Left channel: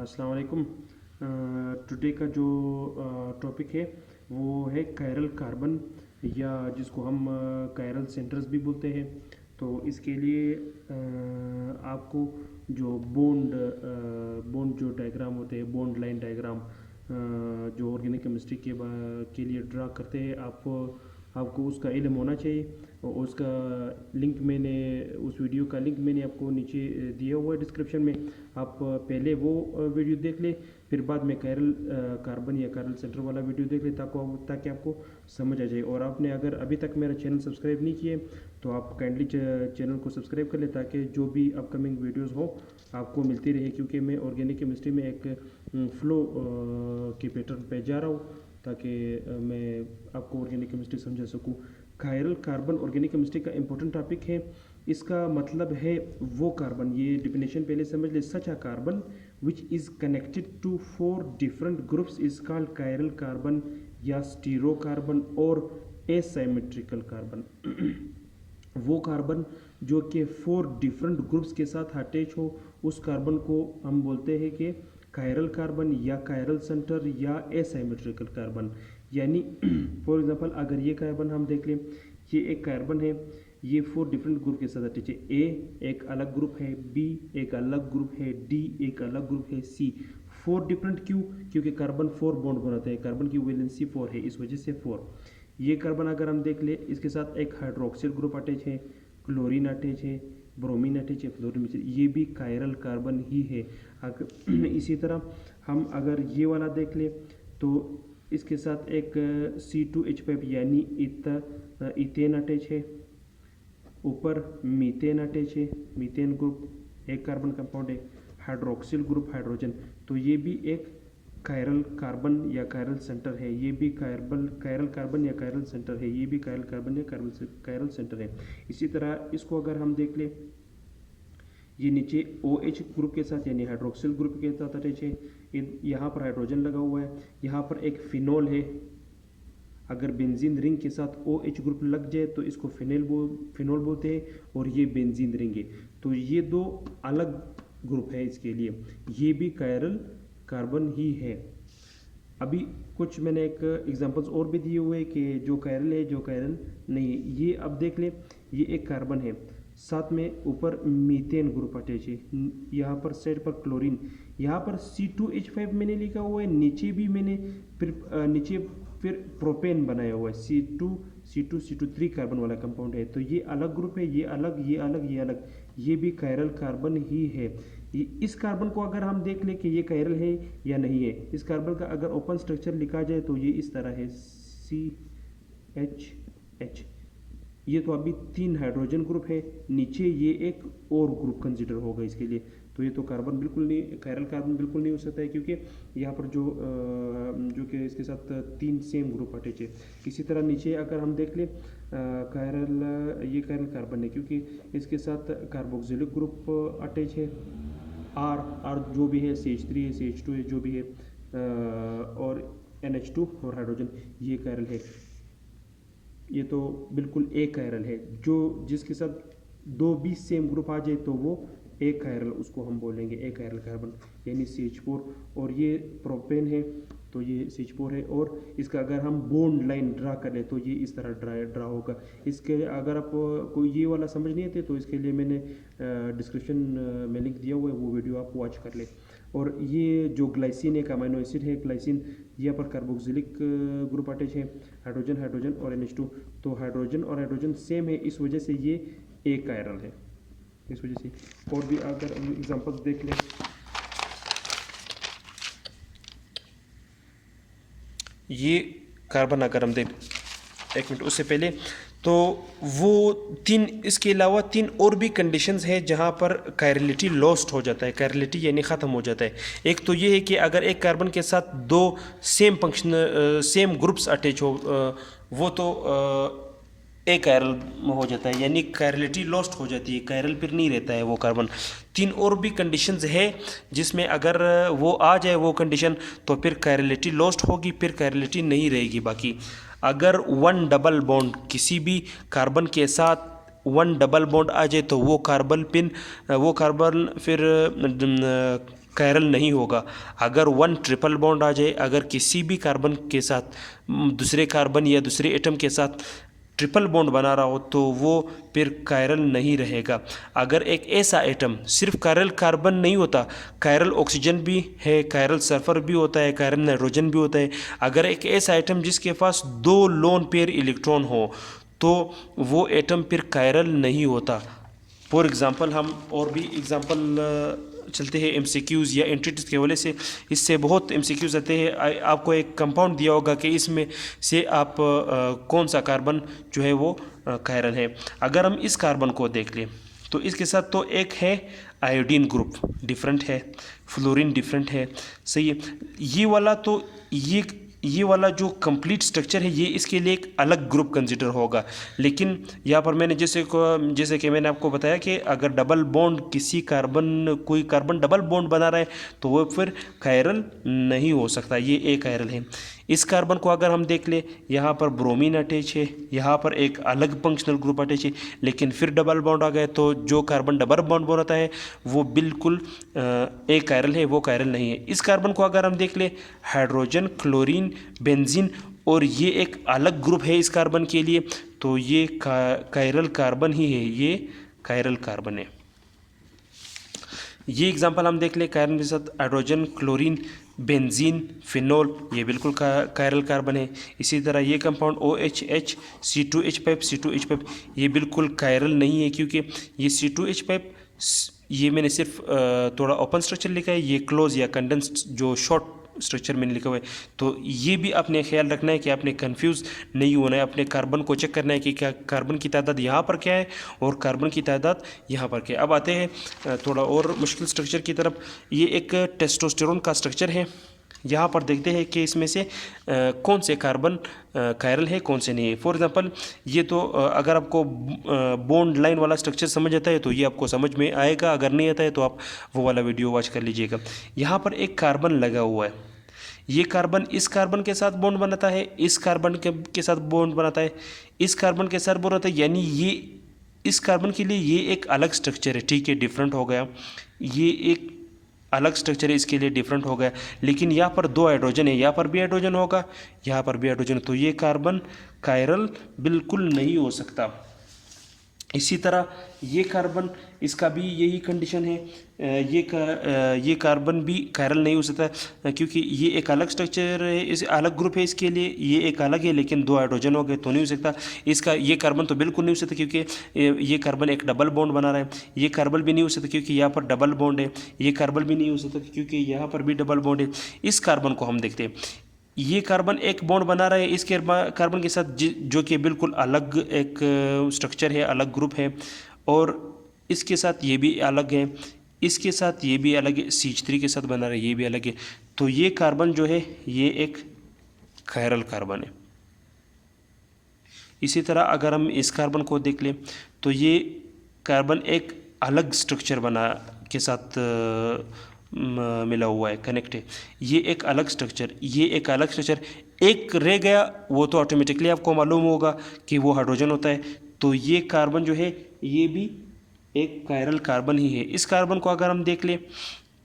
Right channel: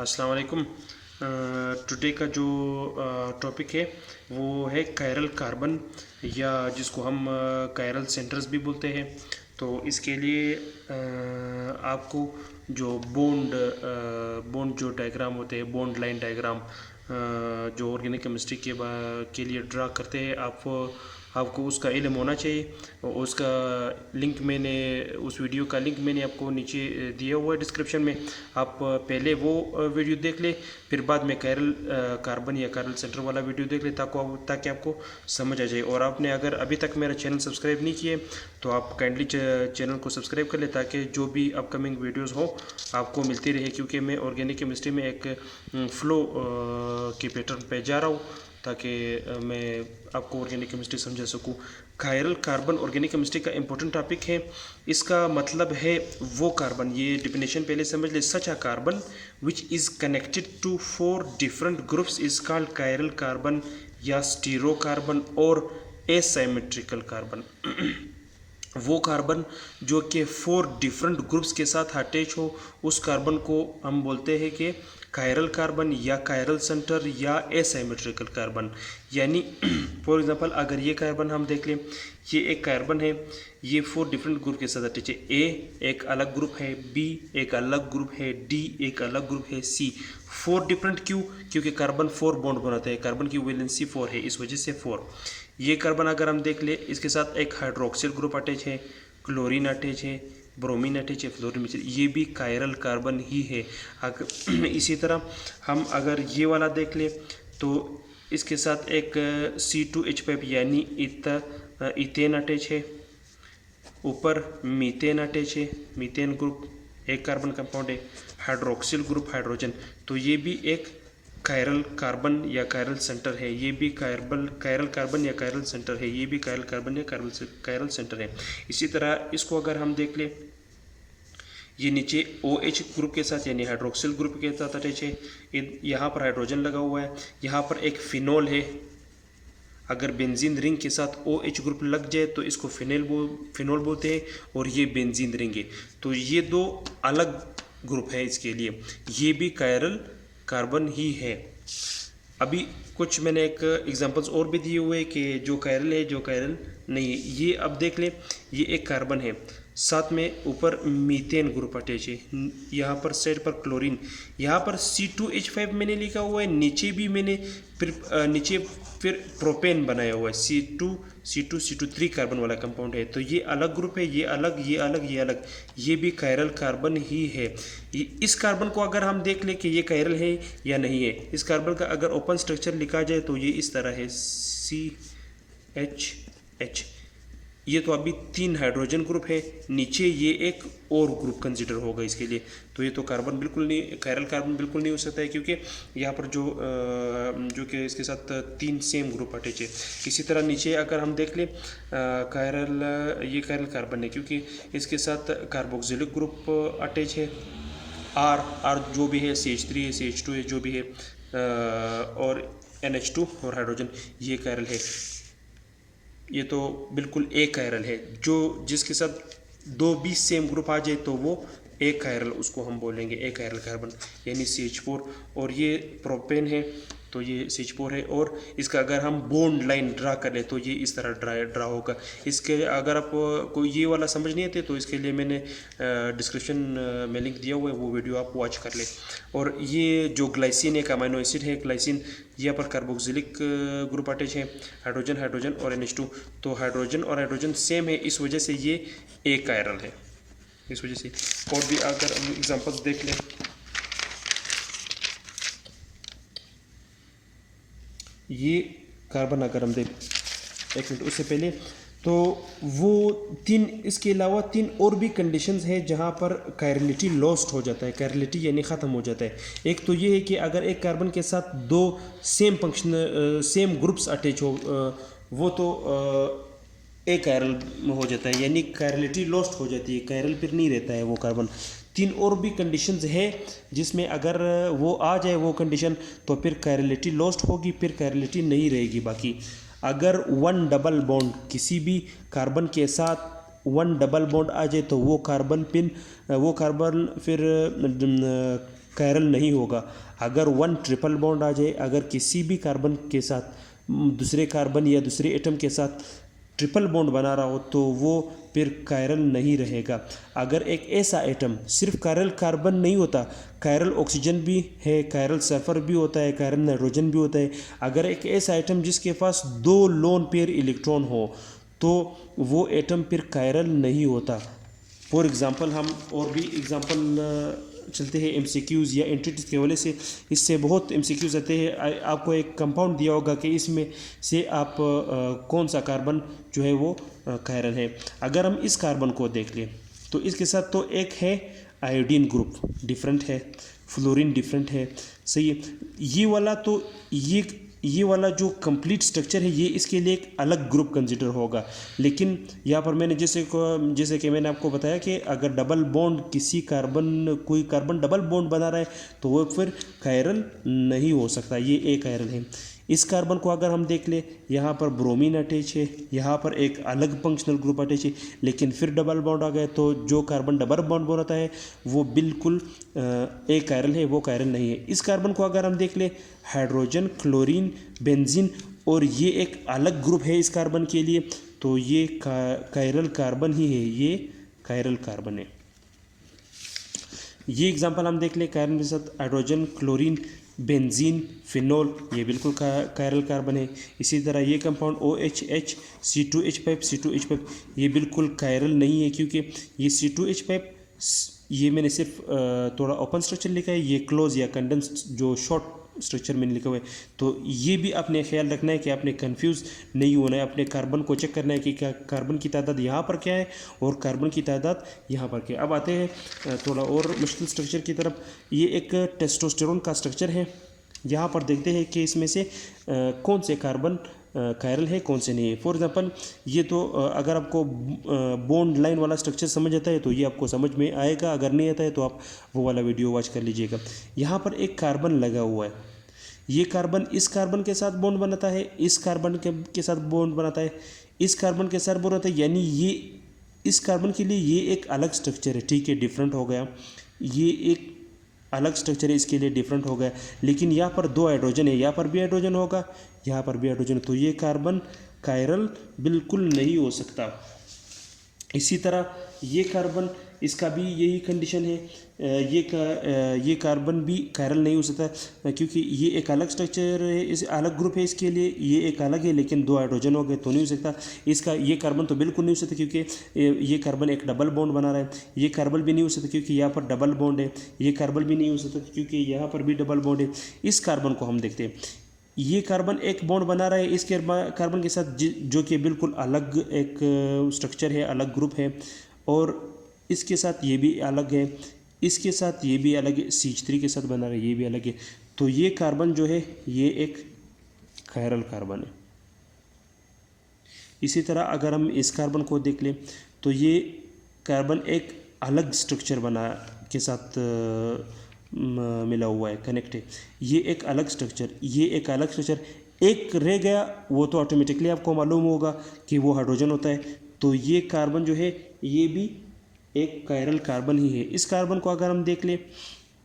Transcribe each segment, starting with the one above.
अस्सलाम वालेकुम। टुडे का जो टॉपिक है वो है कायरल कार्बन, या जिसको हम कायरल सेंटर्स भी बोलते हैं। तो इसके लिए आपको जो बॉन्ड जो डायग्राम होते हैं, बॉन्ड लाइन डायग्राम जो ऑर्गेनिक केमिस्ट्री के लिए ड्रा करते हैं, आपको उसका इल्म होना चाहिए। और उसका लिंक मैंने उस वीडियो का लिंक मैंने आपको नीचे दिया हुआ है डिस्क्रिप्शन में। आप पहले वो वीडियो देख लें, फिर बाद में कायरल कार्बन या कायरल सेंटर वाला वीडियो देख लें, ताकि आपको समझ आ जाए। और आपने अगर अभी तक मेरा चैनल सब्सक्राइब नहीं किए तो आप काइंडली चैनल को सब्सक्राइब कर लें, ताकि जो भी अपकमिंग वीडियोज़ हो आपको मिलती रहे। क्योंकि मैं ऑर्गेनिक केमिस्ट्री में एक फ्लो के पैटर्न पे जा रहा हूँ, ताकि मैं आपको ऑर्गेनिक केमिस्ट्री समझा सकूँ। कायरल कार्बन ऑर्गेनिक केमिस्ट्री का इंपॉर्टेंट टॉपिक है। इसका मतलब है वो कार्बन, ये डिफिनेशन पहले समझ ले। Such a carbon which is connected to 4 different groups is called chiral carbon या स्टीरो कार्बन और एसिमेट्रिकल कार्बन। वो कार्बन जो कि 4 डिफरेंट ग्रुप्स के साथ अटैच हो, उस कार्बन को हम बोलते हैं कि कायरल कार्बन या कायरल सेंटर या एसिमेट्रिकल कार्बन। यानी फॉर एग्जांपल अगर ये कार्बन हम देख लें, ये एक कार्बन है, ये 4 डिफरेंट ग्रुप के साथ अटैच है। ए एक अलग ग्रुप है, बी एक अलग ग्रुप है, डी एक अलग ग्रुप है, सी 4 डिफरेंट। क्यों? क्योंकि कार्बन 4 बॉन्ड बनाते हैं, कार्बन की वैलेंसी 4 है, इस वजह से 4। ये कार्बन अगर हम देख ले, इसके साथ एक हाइड्रोक्सिल ग्रुप अटैच है, क्लोरीन अटैच है, ब्रोमीन अटैच है, फ्लोरीन, ये भी कायरल कार्बन ही है। अगर इसी तरह हम अगर ये वाला देख ले तो इसके साथ एक C2H5 यानी इथेन अटैच है, ऊपर मीथेन अटैच है, मीथेन ग्रुप एक कार्बन कंपाउंड है, हाइड्रोक्सिल ग्रुप हाइड्रोजन। तो ये भी एक कायरल कार्बन या कायरल सेंटर है, ये भी कायरल कार्बन या कायरल सेंटर है, ये भी कायरल कार्बन या कायरल सेंटर है। इसी तरह इसको अगर हम देख ले, ये नीचे OH ग्रुप के साथ यानी हाइड्रोक्सिल ग्रुप के साथ अटैच है, यहाँ पर हाइड्रोजन लगा हुआ है, यहाँ पर एक फिनोल है। अगर बेंजीन रिंग के साथ OH ग्रुप लग जाए तो इसको फिनोल बोलते हैं, और ये बेंजीन रिंग है। तो ये 2 अलग ग्रुप है इसके लिए, ये भी कायरल कार्बन ही है। अभी कुछ मैंने एक एग्जांपल्स और भी दिए हुए कि जो कायरल है, जो कायरल नहीं है। ये अब देख ले, ये एक कार्बन है, साथ में ऊपर मीथेन ग्रुप अटैच है, यहाँ पर साइड पर क्लोरीन, यहाँ पर C2H5 मैंने लिखा हुआ है, नीचे भी मैंने फिर प्रोपेन बनाया हुआ है, C2 कार्बन वाला कंपाउंड है। तो ये अलग ग्रुप है, ये अलग, ये अलग, ये अलग, ये भी कायरल कार्बन ही है। इस कार्बन को अगर हम देख ले कि ये कायरल है या नहीं है, इस कार्बन का अगर ओपन स्ट्रक्चर लिखा जाए तो ये इस तरह है, CHH। ये तो अभी 3 हाइड्रोजन ग्रुप है, नीचे ये एक और ग्रुप कंसिडर होगा इसके लिए। तो ये तो कार्बन बिल्कुल नहीं, कायरल कार्बन बिल्कुल नहीं हो सकता है, क्योंकि यहाँ पर जो कि इसके साथ 3 सेम ग्रुप अटैच है। इसी तरह नीचे अगर हम देख लें, ये कायरल कार्बन है, क्योंकि इसके साथ कार्बोक्सिलिक ग्रुप अटैच है, R जो भी है, CH3 है, CH2 है, जो भी है, और NH2 और हाइड्रोजन, ये कायरल है। ये तो बिल्कुल एक कायरल है, जिसके साथ 2 भी सेम ग्रुप आ जाए तो वो एक कायरल, उसको हम बोलेंगे एक कायरल कार्बन, यानी CH4। और ये प्रोपेन है, तो ये CH4 है। और इसका अगर हम बॉन्ड लाइन ड्रा कर ले तो ये इस तरह ड्रा होगा। इसके अगर आप कोई ये वाला समझ नहीं आते तो इसके लिए मैंने डिस्क्रिप्शन में लिंक दिया हुआ है, वो वीडियो आप वॉच कर ले। और ये जो ग्लाइसिन एक अमीनो एसिड है, ग्लाइसिन, यहाँ पर कार्बोक्सिलिक ग्रुप अटैच है, हाइड्रोजन और NH2। तो हाइड्रोजन और हाइड्रोजन सेम है, इस वजह से ये एक कायरल है, इस वजह से। और भी अगर हम एग्जांपल्स देख लें, ये कार्बन अगर हम देख, एक मिनट उससे पहले, तो वो 3, इसके अलावा 3 और भी कंडीशंस हैं जहाँ पर कायरलिटी लॉस्ट हो जाता है, कायरलिटी यानी ख़त्म हो जाता है। एक तो ये है कि अगर एक कार्बन के साथ 2 सेम ग्रुप्स अटैच हो, वो तो एक कायरल हो जाता है, यानी कायरलिटी लॉस्ट हो जाती है, कायरल फिर नहीं रहता है वो कार्बन। 3 और भी कंडीशंस है जिसमें अगर वो आ जाए वो कंडीशन, तो फिर कायरलिटी लॉस्ट होगी, फिर कायरलिटी नहीं रहेगी बाकी। अगर 1 डबल बॉन्ड किसी भी कार्बन के साथ 1 डबल बॉन्ड आ जाए तो वो कार्बन फिर कायरल नहीं होगा। अगर वन ट्रिपल बॉन्ड आ जाए, अगर किसी भी कार्बन के साथ दूसरे कार्बन या दूसरे एटम के साथ ट्रिपल बॉन्ड बना रहा हो तो वो फिर कायरल नहीं रहेगा। अगर एक ऐसा एटम, सिर्फ कायरल कार्बन नहीं होता, कायरल ऑक्सीजन भी है, कायरल सल्फर भी होता है, कायरल नाइट्रोजन भी होता है। अगर एक ऐसा एटम जिसके पास 2 लोन पेयर इलेक्ट्रॉन हो तो वो एटम फिर कायरल नहीं होता। फॉर एग्ज़ाम्पल हम और भी एग्ज़ाम्पल चलते हैं एमसीक्यूज़ या एंटिटीज के वजह से, इससे बहुत एमसीक्यूज़ आते हैं। आपको एक कंपाउंड दिया होगा कि इसमें से आप कौन सा कार्बन जो है वो कायरल है। अगर हम इस कार्बन को देख लें तो इसके साथ तो एक है आयोडीन ग्रुप डिफरेंट है, फ्लोरीन डिफरेंट है, सही है। ये वाला तो ये वाला जो कंप्लीट स्ट्रक्चर है ये इसके लिए एक अलग ग्रुप कंसिडर होगा। लेकिन यहाँ पर मैंने जैसे कि मैंने आपको बताया कि अगर डबल बॉन्ड कोई कार्बन डबल बॉन्ड बना रहा है तो वो फिर कायरल नहीं हो सकता, ये एक कायरल है। इस कार्बन को अगर हम देख ले, यहाँ पर ब्रोमीन अटैच है, यहाँ पर एक अलग फंक्शनल ग्रुप अटैच है, लेकिन फिर डबल बॉन्ड आ गए तो जो कार्बन डबल बॉन्ड बनाता है वो बिल्कुल एक कायरल है, वो कायरल नहीं है। इस कार्बन को अगर हम देख ले, हाइड्रोजन, क्लोरीन, बेंजीन और ये एक अलग ग्रुप है इस कार्बन के लिए, तो ये कायरल कार्बन ही है, ये कायरल कार्बन है। ये एग्जांपल हम देख ले, कार्बन के साथ हाइड्रोजन, क्लोरीन, बेंजीन, फिनोल, ये बिल्कुल कायरल कार्बन है। इसी तरह ये कंपाउंड OHH, C2H5, ये बिल्कुल कायरल नहीं है, क्योंकि ये C2H5 ये मैंने सिर्फ थोड़ा ओपन स्ट्रक्चर लिखा है, ये क्लोज या कंडेंस्ड जो शॉर्ट स्ट्रक्चर मैंने लिखा हुआ है। तो ये भी आपने ख्याल रखना है कि आपने कंफ्यूज नहीं होना है, अपने कार्बन को चेक करना है कि क्या कार्बन की तादाद यहाँ पर क्या है और कार्बन की तादाद यहाँ पर क्या है। अब आते हैं थोड़ा और मुश्किल स्ट्रक्चर की तरफ। ये एक टेस्टोस्टेरोन का स्ट्रक्चर है। यहाँ पर देखते हैं कि इसमें से कौन से कार्बन कायरल है, कौन से नहीं है। फॉर एग्जांपल ये तो अगर आपको बॉन्ड लाइन वाला स्ट्रक्चर समझ आता है तो ये आपको समझ में आएगा, अगर नहीं आता है तो आप वो वाला वीडियो वॉच कर लीजिएगा। यहाँ पर एक कार्बन लगा हुआ है, ये कार्बन इस कार्बन के साथ बॉन्ड बनाता है, इस कार्बन के साथ बॉन्ड बनाता है, इस कार्बन के साथ बॉन्ड बनाता है, यानी ये इस कार्बन के लिए ये एक अलग स्ट्रक्चर है, ठीक है, डिफरेंट हो गया। ये एक अलग स्ट्रक्चर है, इसके लिए डिफरेंट हो गया। लेकिन यहाँ पर 2 हाइड्रोजन है, यहाँ पर भी हाइड्रोजन होगा, यहाँ पर भी हाइड्रोजन, तो ये कार्बन कायरल बिल्कुल नहीं हो सकता। इसी तरह ये कार्बन, इसका भी यही कंडीशन है, ये कार्बन भी कायरल नहीं हो सकता, क्योंकि ये एक अलग स्ट्रक्चर है, इस अलग ग्रुप है इसके लिए, ये एक अलग है, लेकिन 2 हाइड्रोजन हो गए तो नहीं हो सकता। इसका ये कार्बन तो बिल्कुल नहीं हो सकता, क्योंकि ये कार्बन एक डबल बॉन्ड बना रहा है। ये कार्बन भी नहीं हो सकता क्योंकि यहाँ पर डबल बॉन्ड है। ये कार्बन भी नहीं हो सकता क्योंकि यहाँ पर भी डबल बॉन्ड है। इस कार्बन को हम देखते हैं, ये कार्बन एक बॉन्ड बना रहा है इस कार्बन के साथ, जो कि बिल्कुल अलग एक स्ट्रक्चर है, अलग ग्रुप है, और इसके साथ ये भी अलग है, इसके साथ ये भी अलग है, CH3 के साथ बना रहा है, ये भी अलग है। तो ये कार्बन जो है ये एक कायरल कार्बन है। इसी तरह अगर हम इस कार्बन को देख लें तो ये कार्बन एक अलग स्ट्रक्चर बना के साथ मिला हुआ है, कनेक्ट है, ये एक अलग स्ट्रक्चर, ये एक अलग स्ट्रक्चर, एक रह गया वो तो ऑटोमेटिकली आपको मालूम होगा कि वो हाइड्रोजन होता है। तो ये कार्बन जो है ये भी एक कायरल कार्बन ही है। इस कार्बन को अगर हम देख लें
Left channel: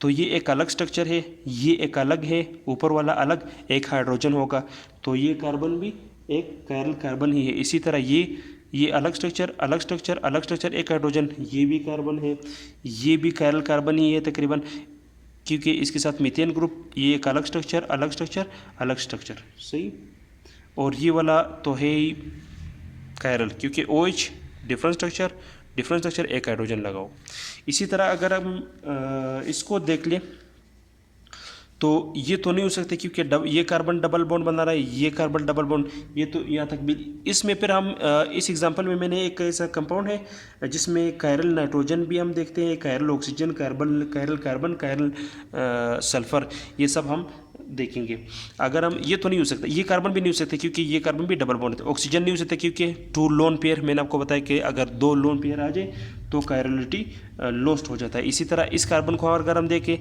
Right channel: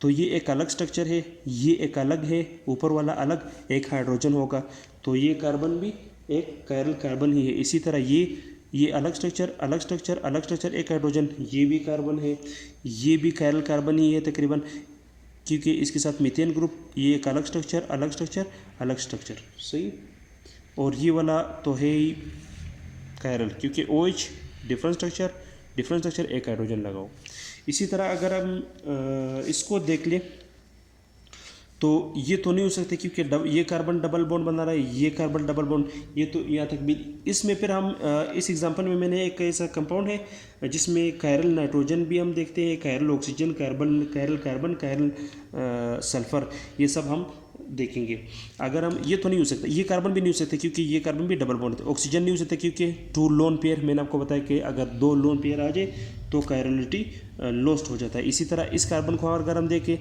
तो ये एक अलग स्ट्रक्चर है, ये एक अलग है, ऊपर वाला अलग, एक हाइड्रोजन होगा, तो ये कार्बन भी एक कायरल कार्बन ही है। इसी तरह ये अलग स्ट्रक्चर, अलग स्ट्रक्चर, अलग स्ट्रक्चर, एक हाइड्रोजन, ये भी कार्बन है, ये भी कायरल कार्बन ही है तकरीबन, क्योंकि इसके साथ मीथेन ग्रुप, ये एक अलग स्ट्रक्चर, अलग स्ट्रक्चर, अलग स्ट्रक्चर, सही। और ये वाला तो है ही कायरल, क्योंकि OH डिफरेंट स्ट्रक्चर, एक हाइड्रोजन लगाओ। इसी तरह अगर हम इसको देख लें तो ये तो नहीं हो सकते क्योंकि ये कार्बन डबल बॉन्ड बना रहा है, ये कार्बन डबल बॉन्ड, ये तो यहाँ तक भी। इसमें फिर हम इस एग्जांपल में मैंने एक ऐसा कंपाउंड है जिसमें कायरल नाइट्रोजन भी हम देखते हैं, chiral oxygen, chiral carbon, chiral sulphur, ये सब हम देखेंगे। अगर हम ये तो नहीं हो सकता, ये कार्बन भी नहीं हो सकते क्योंकि ये कार्बन भी डबल बॉन्ड है। ऑक्सीजन नहीं हो सकता क्योंकि 2 लोन पेयर, मैंने आपको बताया कि अगर 2 लोन पेयर आ जाए तो कायरलिटी लॉस्ट हो जाता है। इसी तरह इस कार्बन को अगर हम देखें,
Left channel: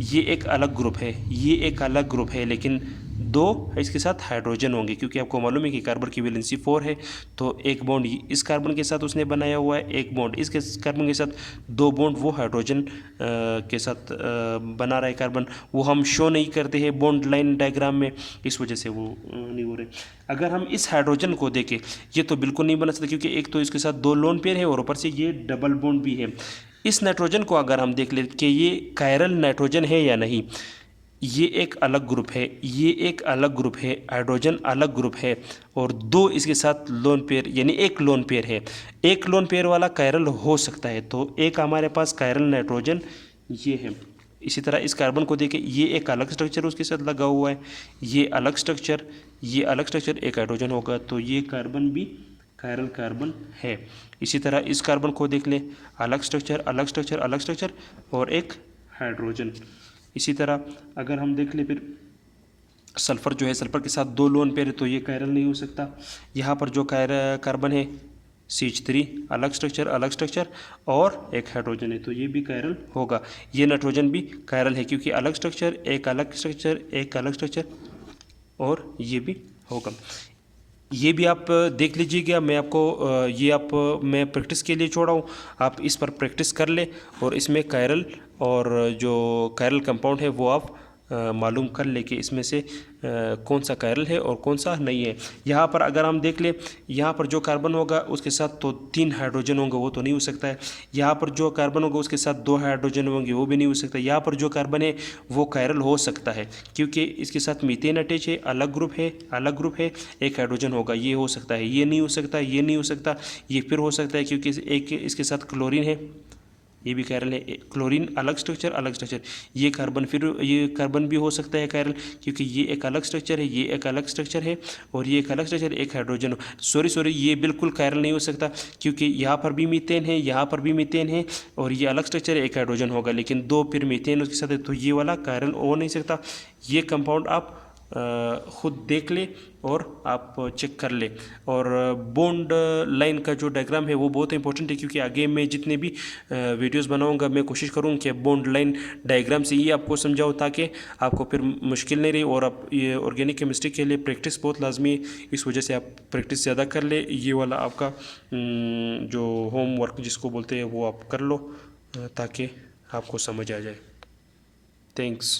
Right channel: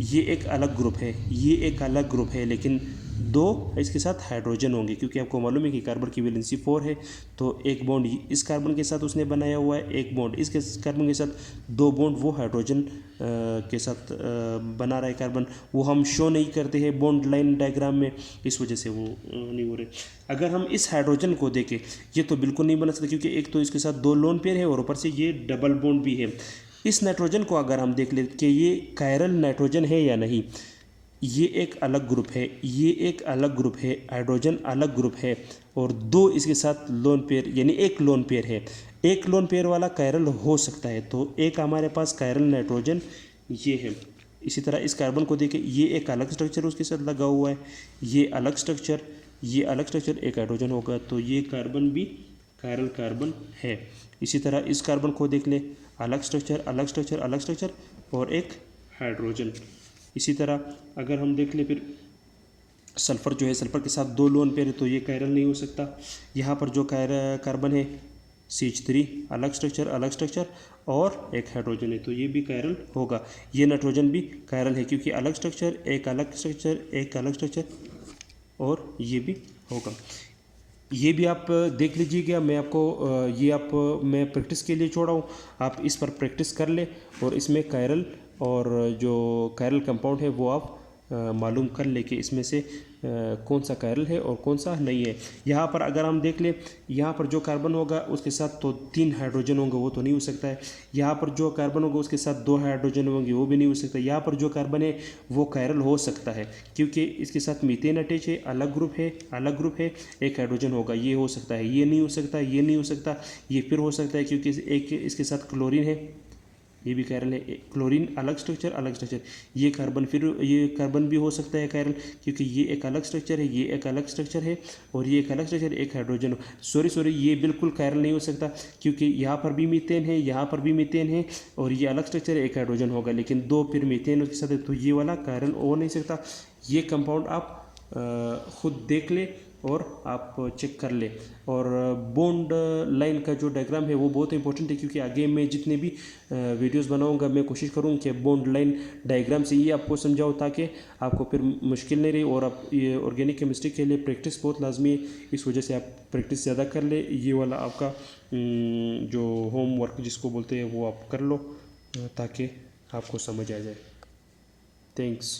ये एक अलग ग्रुप है, ये एक अलग ग्रुप है, लेकिन दो इसके साथ हाइड्रोजन होंगे, क्योंकि आपको मालूम है कि कार्बन की वैलेंसी 4 है। तो एक बॉन्ड इस कार्बन के साथ उसने बनाया हुआ है, एक बॉन्ड इसके कार्बन के साथ, दो बॉन्ड वो हाइड्रोजन के साथ बना रहा है कार्बन। वो हम शो नहीं करते हैं बॉन्ड लाइन डायग्राम में, इस वजह से वो नहीं हो रहे। अगर हम इस हाइड्रोजन को देखें, ये तो बिल्कुल नहीं बना सकता, क्योंकि एक तो इसके साथ दो लोन पेयर है और ऊपर से ये डबल बॉन्ड भी है। इस नाइट्रोजन को अगर हम देख ले कि ये कायरल नाइट्रोजन है या नहीं, ये एक अलग ग्रुप है, ये एक अलग ग्रुप है, हाइड्रोजन अलग ग्रुप है, और दो इसके साथ लोन पेयर यानी एक लोन पेयर है। एक लोन पेयर वाला कायरल हो सकता है, तो एक हमारे पास कायरल नाइट्रोजन ये है। इसी तरह इस कार्बन को देखें, ये एक अलग स्ट्रक्चर उसके साथ लगा हुआ है, ये अलग स्ट्रक्चर, ये अलग स्ट्रक्चर, एक हाइड्रोजन होगा, तो ये कार्बन भी कायरल कार्बन है। इसी तरह इस कार्बन को देख लें, अलग स्ट्रक्चर अलग स्ट्रक्चर अलग स्ट्रक्चर और एक हाइड्रोजन। इसी तरह अगर हम देख लें फिर सल्फर जो है, सल्फर के साथ दो लोन पेयर है, तो ये कायरल नहीं हो सकता। यहाँ पर जो कार्बन है CH3 अलग स्ट्रक्चर और एक हाइड्रोजन है, तो ये भी कायरल होगा। ये नाइट्रोजन भी कायरल है, क्योंकि अलग स्ट्रक्चर एक अलग स्ट्रक्चर एक अलग स्ट्रक्चर, और ये भी होगा। ये भी आप देख लीजिएगा, मैं आपको मैं प्रैक्टिस के लिए छोड़ा हूँ, आप इस पर प्रैक्टिस कर ले और इसमें कायरल और जो कायरल कंपाउंड है वो आप मालूम कर ले कि इसमें से कौन सा कायरल है और कौन सा नहीं है। यहाँ पर अगर हम देख ले, यहाँ पर जो कार्बन होगा उसके साथ तो 3 हाइड्रोजन होंगे, वो तो नहीं हो सकता है। यहाँ पर जो कार्बन होगा उसके साथ 2 हाइड्रोजन होंगे, वो भी नहीं हो सकता। यहाँ पर जो कार्बन है वो कायरल हो सकता है, क्योंकि इसके साथ मीथेन अटैच है, अलग ग्रुप है, एक हाइड्रोजन होगा, ये हो सकता है। ये नहीं हो सकता, ये नहीं हो सकता, ये फिर हो सकता है, क्योंकि एक इसके साथ क्लोरीन है, ये भी कायरल है। क्लोरीन अलग स्ट्रक्चर, ये कार्बन भी हो सकता है कायरल, क्योंकि ये एक अलग स्ट्रक्चर है, ये एक अलग स्ट्रक्चर है, और ये एक अलग स्ट्रक्चर, एक हाइड्रोजन। सॉरी, ये बिल्कुल कायरल नहीं हो सकता, क्योंकि यहाँ पर भी मीथेन है, यहाँ पर भी मीथेन है, और ये अलग स्ट्रक्चर है, एक हाइड्रोजन होगा, लेकिन दो फिर मीथेन उसके साथ है, तो ये वाला कायरल हो नहीं सकता। ये कंपाउंड आप खुद देख ले और आप चेक कर ले। और बॉन्ड लाइन का जो डायग्राम है वो बहुत इंपॉर्टेंट है, क्योंकि आगे मैं जितने भी वीडियोस बनाऊंगा मैं कोशिश करूँ कि बॉन्ड लाइन डायग्राम से ही आपको समझाऊँ, ताकि आपको फिर मुश्किल नहीं रही। और आप ये ऑर्गेनिक केमिस्ट्री के लिए प्रैक्टिस बहुत लाजमी है, इस वजह से आप प्रैक्टिस ज़्यादा कर ले। ये वाला आपका जो होमवर्क जिसको बोलते हैं वो आप कर लो, ताकि आपको समझ आ जाए। थैंक्स।